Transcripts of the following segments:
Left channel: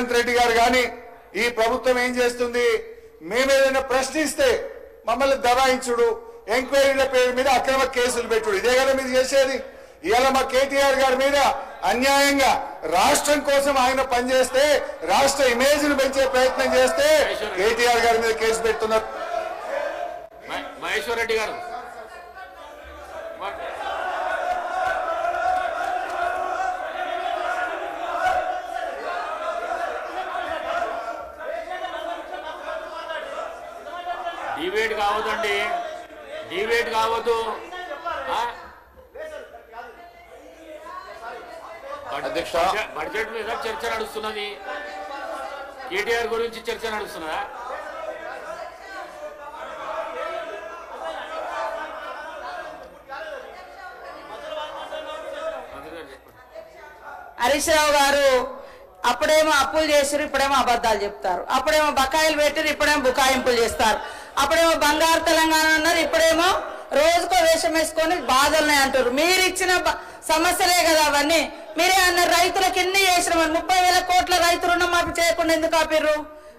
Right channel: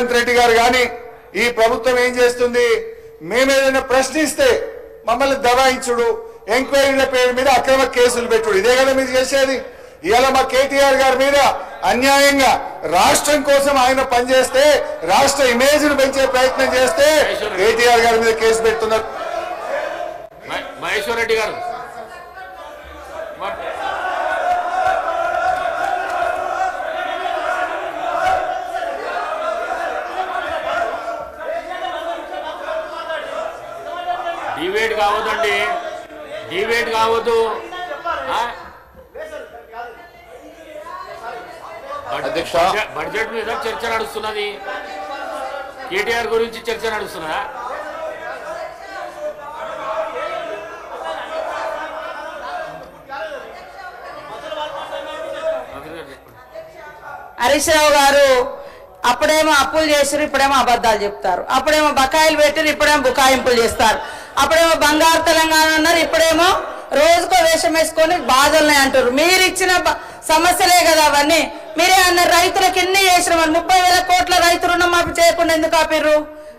రేవంత్ రెడ్డి గారు కానీ ఈ ప్రభుత్వం ఏం చేస్తుంది? మేమేదైనా ప్రశ్నిస్తే మమ్మల్ని దబాయించుడు, ఎంక్వైరీల పేరు మీద అక్రమ కేసులు పెట్టుడు, ఇదే కదా మీరు చేసేది. ఇవాళ మా కేటీఆర్ గారి మీద అన్యాయంగా రాష్ట్రం కోసం ఆయన పనిచేస్తే, రాష్ట్ర ఇమేజ్ ను పెంచే ప్రయత్నం చేస్తే కేటీఆర్ గారి మీద కేసు పెడుతున్నారు. మహేశ్వర్ రెడ్డి గారు డిబేట్ కావద్దండి, డిబేట్ కావద్దు. బడ్జెట్ మీద చర్చ నడుస్తున్నది, కేటీఆర్ గురించి చర్చ నడుస్తున్నా. హరీష్ రావు గారు అప్పుడేమో అప్పులు చేసారు, ఇప్పుడేమో అబద్ధాలు చెప్తారు. అప్పుడేమో బకాయిలు పెట్టారు, ఇప్పుడేమో బుకాయింపులు చేస్తారు. అప్పుడేమో బంగారు తెలంగాణ అన్నారు, ఇప్పుడేమో రోజుకో వేషం వేసుకొని బాధల్ని అంటారు. మీరు ఇచ్చిన సమస్యలే కదా అవన్నీ. మీరే అన్నారు రైతులకు ఎన్ని చేసినామని, 30,000 కోట్ల రైతు రుణమాఫీ చేయకుండా ఎందుకు ఆపిర్రు?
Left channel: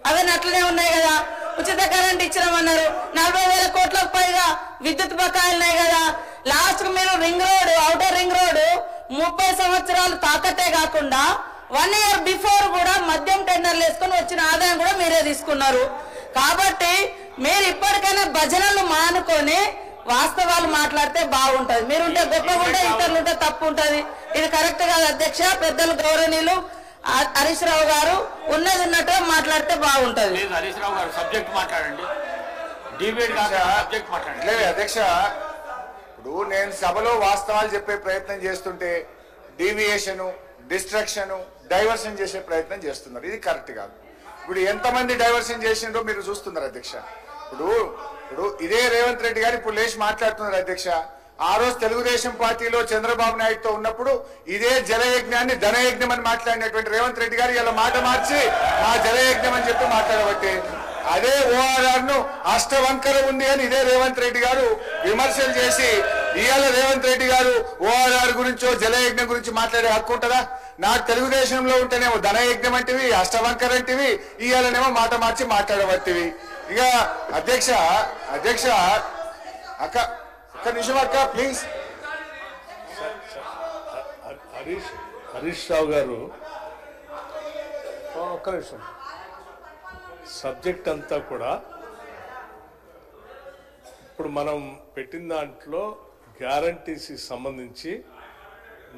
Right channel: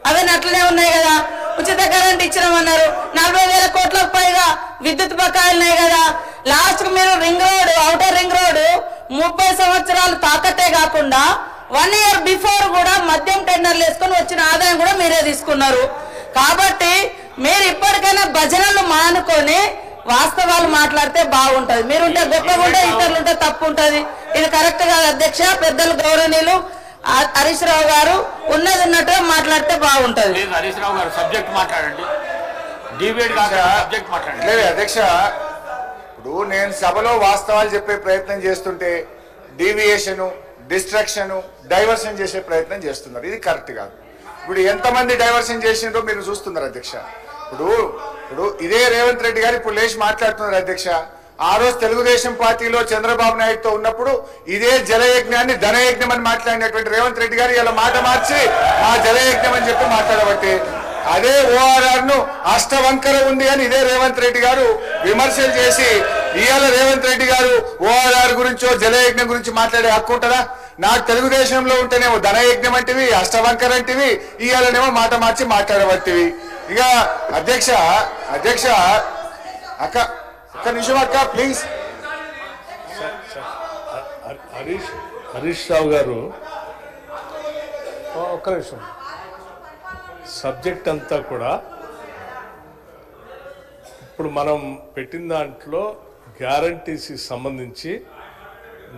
అవన్నీ అట్లనే ఉన్నాయి కదా. ఉచిత కరెంట్ ఇచ్చినామన్నారు, 40,000 కోట్లకు పైగా విద్యుత్ బకాయిలున్నాయి కదా. లాస్ట్ కు మీరు ring road, outer ring road 30 సంవత్సరాలు తాకట్టే కాకుండా 1 ఇయర్ బిఫోర్ కూడా మద్యం టెండర్లు వేసుకొని వచ్చిన ఆదాయం కూడా మీరే తీసుకున్నారు. కాబట్టి మీరు ఇప్పటికైనా భజనలు మానుకొని వాస్తవాలు మాట్లాడితే బాగుంటది. మీరుంటే గొప్పగా ఉంటే, ఇతరులుంటే తప్పు ఉంటది. ఇది కరెక్ట్ కాదు అధ్యక్ష. పెద్దలు గౌరవనీయులు హరీష్ రావు గారు ఉన్నది ఉన్నట్టుగా మాట్లాడితే బాగుంటది. హరీష్ రావు గారు సబ్జెక్ట్ మాట్లాడండి, డిబేట్ సబ్జెక్ట్ మాట్లాడండి. లేదు అధ్యక్ష, ఇప్పుడు నేను సభలో వాస్తవాలు చెప్పే ప్రయత్నం చేస్తుంటే డీవియేషను, డిస్ట్రాక్షను, డైవర్షన్ చేసే ప్రయత్నం చేస్తున్నారు. ఇది కరెక్ట్ కాదు. ఇప్పుడు ఎంతమంది డైవర్షన్ చేసిండ్రో మీరు చూస్తున్నారు అధ్యక్ష. ఇప్పుడు ఇదే రేవంత్ రెడ్డి గారు ఇప్పుడు లేచి మాట్లాడుతున్నారు అధ్యక్ష. ఆ రోజు తెలుగుదేశం పార్టీలో చంద్రబాబు నాయుడుతో ఉన్నప్పుడు ఇదే జలయజ్ఞాన్ని ధనయజ్ఞం అని మాట్లాడినటువంటి రేవంత్ రెడ్డి గారు ఇలా మాట మార్చి ఆ జలయజ్ఞం అని చెప్పి మాట్లాడబట్టి అదే ఓఆర్ఆర్ ను అష్టవంకర ఉంది అని ఇదే రేవంత్ రెడ్డి గారు విమర్శలు చేసి ఇవాళ రేవంత్ రెడ్డి గారు ఓఆర్ఆర్ గురించో జలయజ్ఞం గురించి మాట్లాడే హక్కు ఉంటుందా? నాకు తెలుగుదేశంలో ఉంటేనేమో ధనయజ్ఞం అంటివి, అష్టవంకర అంటివి, ఇవాళనేమో మాట మార్చి మాట్లాడబట్టివి. ఇక అధ్యక్ష ఒక్క నిమిషం అక్క ప్లీజ్. హరీష్ రావు గారు ఒక్క నిమిషం. సబ్జెక్ట్ అంతా కూడా ఇప్పుడు మనం పెట్టిన దాంట్లో గ్యారంటీస్కి సంబంధించి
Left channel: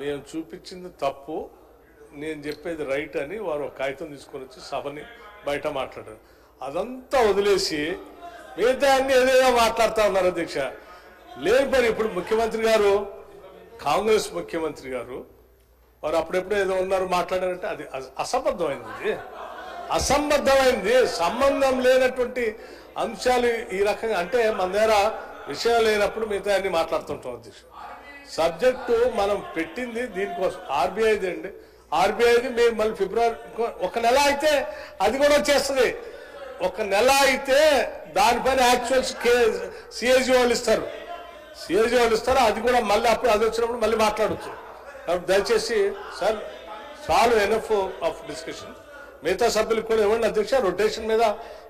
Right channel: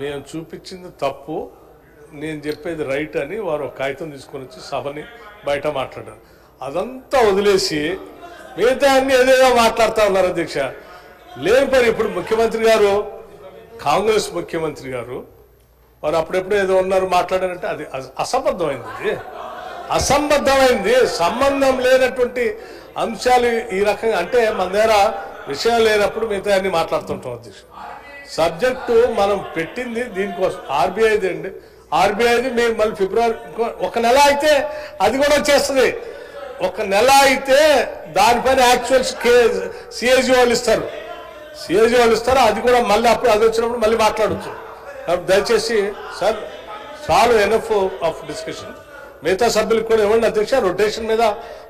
నేను చూపించింది తప్పు, నేను చెప్పేది రైట్ అని వారు ఒక కాగితం తీసుకొని వచ్చి సభని బయట మాట్లాడారు. అదంతా వదిలేసి మిగతా అన్ని ఏదేదో మాట్లాడుతూ ఉన్నారు అధ్యక్ష. లేని పని ఇప్పుడు ముఖ్యమంత్రి గారు, కాంగ్రెస్ ముఖ్యమంత్రి గారు వారు అప్పుడెప్పుడు ఏదో ఉన్నారు మాట్లాడారంటే అది అసంబద్ధమైంది. అసంబద్ధమైంది, సంబంధం లేనటువంటి అంశాలు ఈ రకంగా అంటే మన దగ్గర విషయం లేనప్పుడు మిగతా అన్ని మాట్లాడుతుంటాం అధ్యక్ష. సబ్జెక్టు మనం పెట్టింది దీనికోసం ఆర్బీఐది అండి. ఆర్బీఐది మేము మళ్ళీ ఫిబ్రవరి 1 నెల అయితే అది కూడా వచ్చేస్తుంది. 1 నెల అయితే దానిపైన యాక్చువల్స్ సిఏజీ వాళ్ళు ఇస్తారు, అది కూడా మళ్ళీ అప్పుడు అది వచ్చినప్పుడు మళ్ళీ మాట్లాడచ్చు. దయచేసి సార్ చాలు, ఎనఫ్ ఆఫ్ డిస్కషన్. మిగతా సభ్యులకు కూడా ఇవ్వండి అధ్యక్ష. రొటేషన్ మీద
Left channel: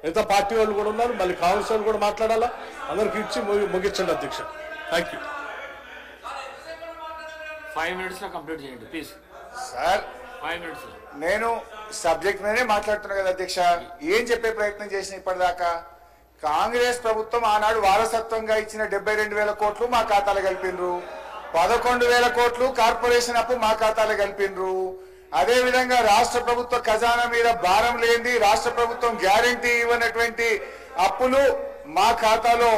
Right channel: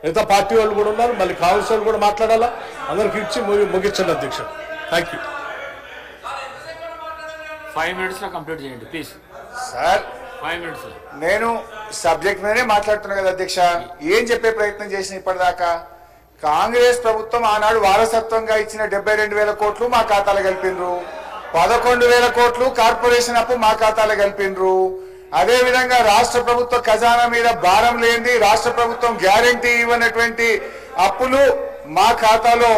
మిగతా పార్టీ వాళ్ళు కూడా ఉన్నారు, మళ్ళీ కాంగ్రెస్ వాళ్ళు కూడా మాట్లాడాలా. అందరికి ఇచ్చి ముగించండి అధ్యక్ష. Thank you. 5 minutes లో కంప్లీట్ చేయండి ప్లీజ్ సార్. 5 minutes. నేను సబ్జెక్ట్ మీదనే మాట్లాడుతున్నా కదా అధ్యక్ష. ఏం చెప్పే ప్రయత్నం చేసిన ఇప్పటిదాకా? కాంగ్రెస్ ప్రభుత్వం ఆనాడు వారసత్వంగా ఇచ్చిన 72,000 కోట్లు మా ఖాతాలో కలిపినరు, 11,000 కోట్లు కార్పొరేషన్ అప్పు మా ఖాతాలో కలిపినరు. అదే విధంగా రాష్ట్ర ప్రభుత్వ ఖజానా మీద భారం లేనిది, రాష్ట్ర ప్రభుత్వం గ్యారంటీ ఇవ్వనటువంటి అప్పులు మా ఖాతాలో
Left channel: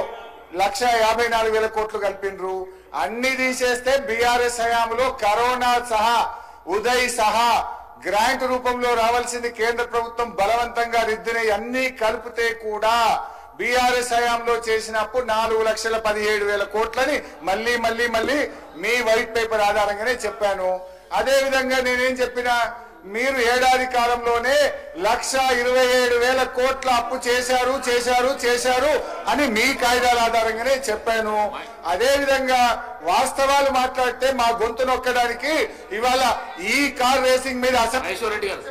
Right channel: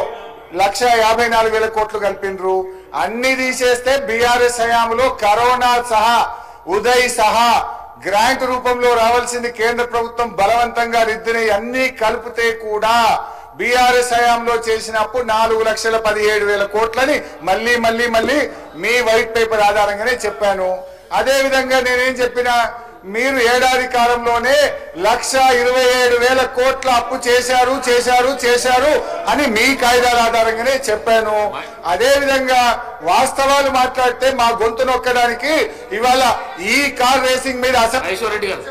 1,54,000 కోట్లు కలిపినరు. అన్ని తీసేస్తే బీఆర్ఎస్ హయాంలో కరోనా సహా, ఉదయ్ సహా గ్రాంట్ రూపంలో రావాల్సింది కేంద్ర ప్రభుత్వం బలవంతంగా రిద్దిన అన్ని కలిపితే కూడా బీఆర్ఎస్ హయాంలో చేసిన అప్పు 4,17,000 కోట్లని మళ్ళీ మీ వైట్ పేపర్ ఆధారంగానే చెప్పాను. అదే విధంగా నేనేం చెప్పినా, మీరు ఏడాది కాలంలోనే 1,27,000 కోట్ల అప్పు చేశారు అని మీ కాయిదాల ఆధారంగానే చెప్పాను. అదే విధంగా వాస్తవాలు మాట్లాడితే మా గొంతు నొక్కడానికి ఇవాళ ఈ కార్ రేసింగ్ మీద రెడ్డి గారు